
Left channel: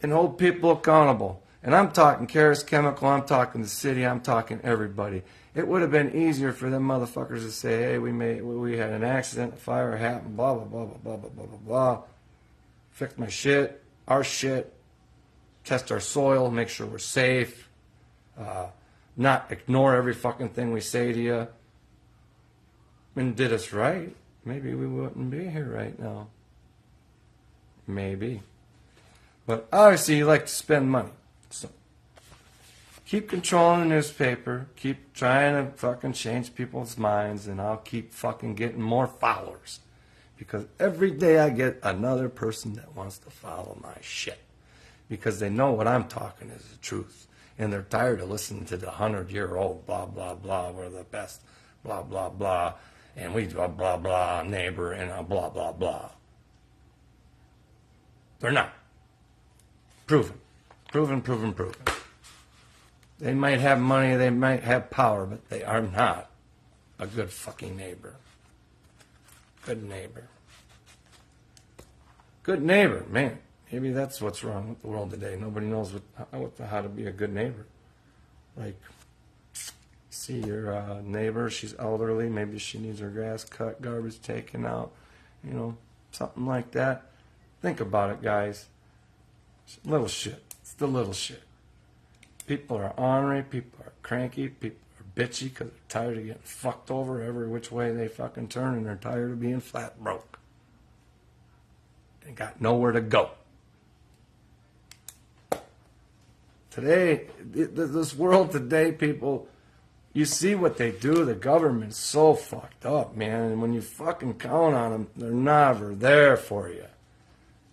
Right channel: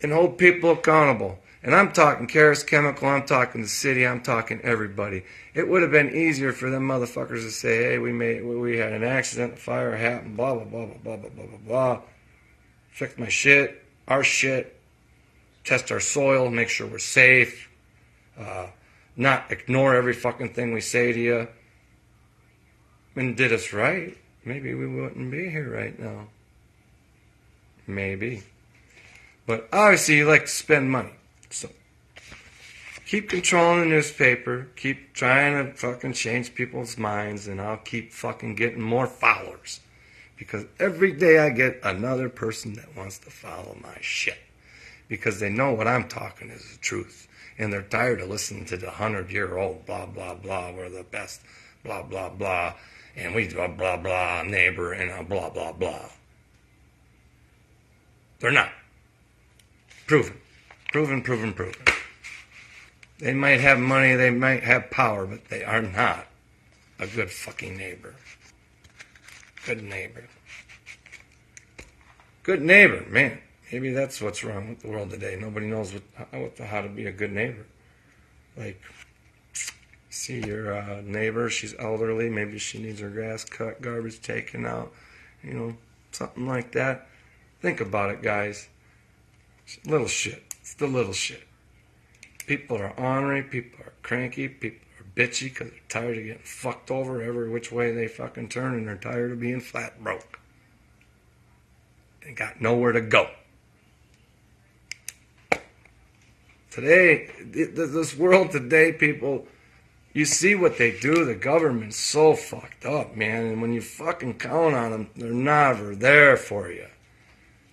and hold people accountable. And I'm talking Carus Chemical, I'm talking the city, I'm talking everybody. It would have been easier for them motherfuckers to say, hey, we had an accident, a fire happened, blah, blah, blah, blah, blah, blah, blah, blah, blah. Fix my shit, our shit, test our soil, make sure we're safe, not ignore every fucking thing we say to you, and did us right. Maybe we wouldn't be here right now. Maybe. But obviously you like to spend money. So keep controlling the newspaper, keep trying to fucking change people's minds, and I'll keep fucking getting more followers. Because every day I get another person that wants to follow my shit. Because they know what I'm talking is the truth. And they're tired of listening to the 100-year-old blah, blah, blah, we're the best, blah, blah, blah, and we blah, blah, blah, neighbor, and blah, blah, blah. They're not. Proven. Proven. They might have money, they might have power, but they are not a good fucking neighbor. Good neighbor. Good neighbor, man. Maybe that's what's wrong with the world today. Nobody knows how to be a good neighbor. Like, see your neighbor, she's elderly, maybe she needs her grass cut, garbage taken out, you know, something like that. Think about it, guys. Little shit. It's the little shit. People are ornery, people are cranky, people are bitchy because they're tired of getting fucked over every which way they fucking turn, and they're tired of being flat broke. They got nowhere to go. Today, this world today, people, you see what they do. The government's so fucked up, man. And when you fucking count on them, they're never there for you.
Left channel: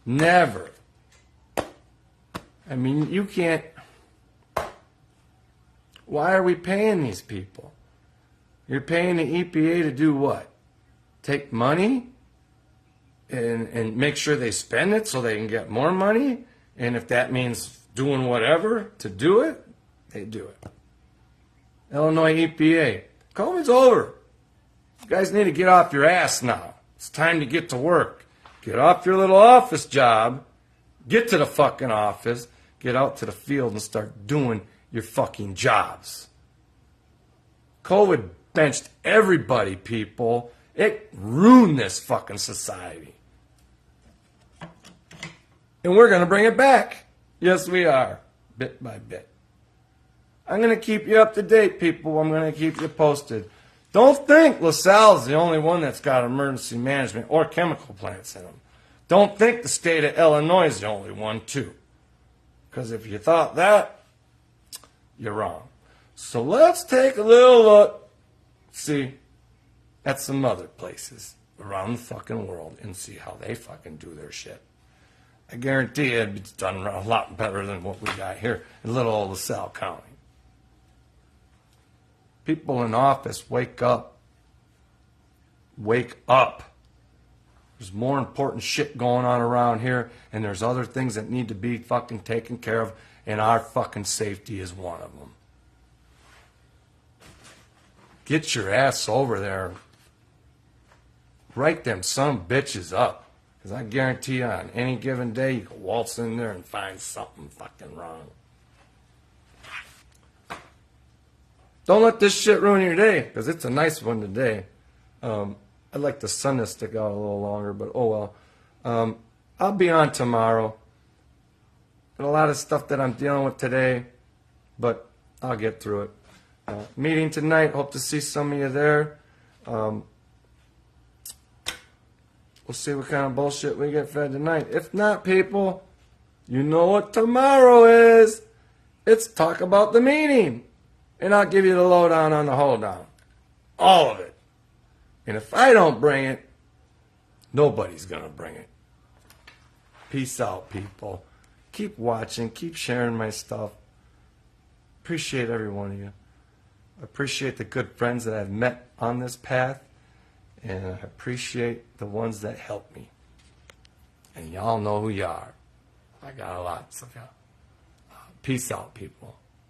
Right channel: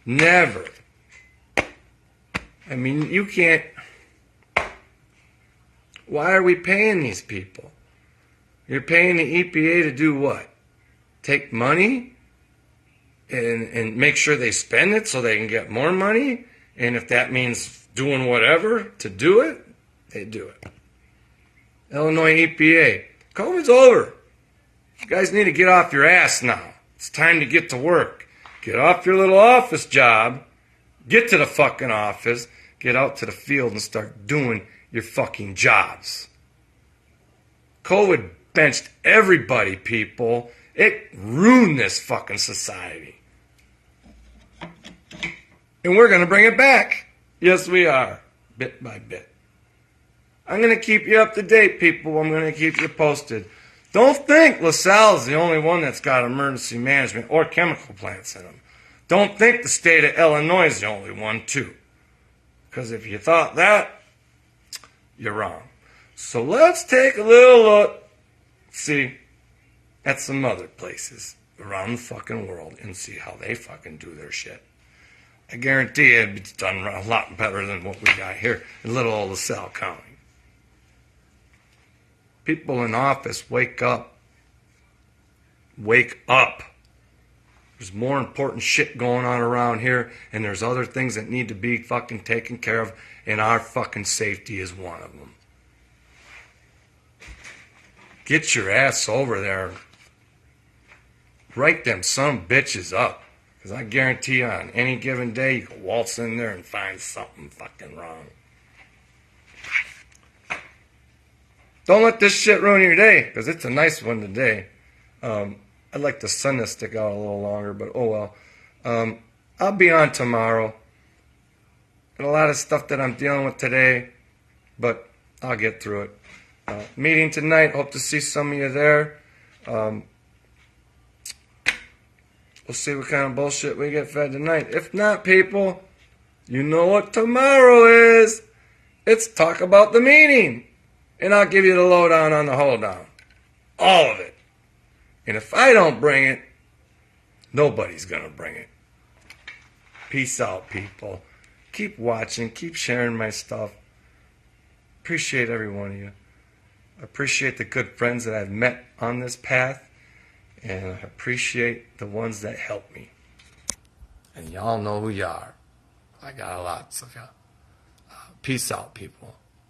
Never. I mean, you can't... Why are we paying these people? You're paying the EPA to do what? Take money and make sure they spend it so they can get more money? And if that means doing whatever to do it, they do it. Illinois EPA, COVID's over. You guys need to get off your ass now. It's time to get to work. Get off your little office job. Get to the fucking office. Get out to the field and start doing your fucking jobs. COVID benched everybody, people. It ruined this fucking society. And we're going to bring it back. Yes, we are. Bit by bit. I'm going to keep you up to date, people. I'm going to keep you posted. Don't think LaSalle's the only one that's got emergency management or chemical plants in them. Don't think the state of Illinois is the only one, too. Because if you thought that, you're wrong. So let's take a little look, see, at some other places around the fucking world and see how they fucking do their shit. I guarantee you it's done a lot better than what we got here in little old LaSalle County. People in office, wake up. Wake up. There's more important shit going on around here, and there's other things that need to be fucking taken care of, and our fucking safety is one of them. Get your ass over there. Write them some bitches up. Because I guarantee you on any given day, you can waltz in there and find something fucking wrong. Don't let this shit ruin your day, because it's a nice one today. I'd like the sun to stick out a little longer, but oh well. I'll be on tomorrow. Got a lot of stuff that I'm dealing with today, but I'll get through it. Meeting tonight. Hope to see some of you there. We'll see what kind of bullshit we get fed tonight. If not, people, you know what tomorrow is. It's talk about the meeting. And I'll give you the lowdown on the hoedown. All of it. And if I don't bring it, nobody's going to bring it. Peace out, people. Keep watching. Keep sharing my stuff. Appreciate every one of you. Appreciate the good friends that I've met on this path. And I appreciate the ones that help me. And y'all know who you are. I got lots of you. Peace out, people.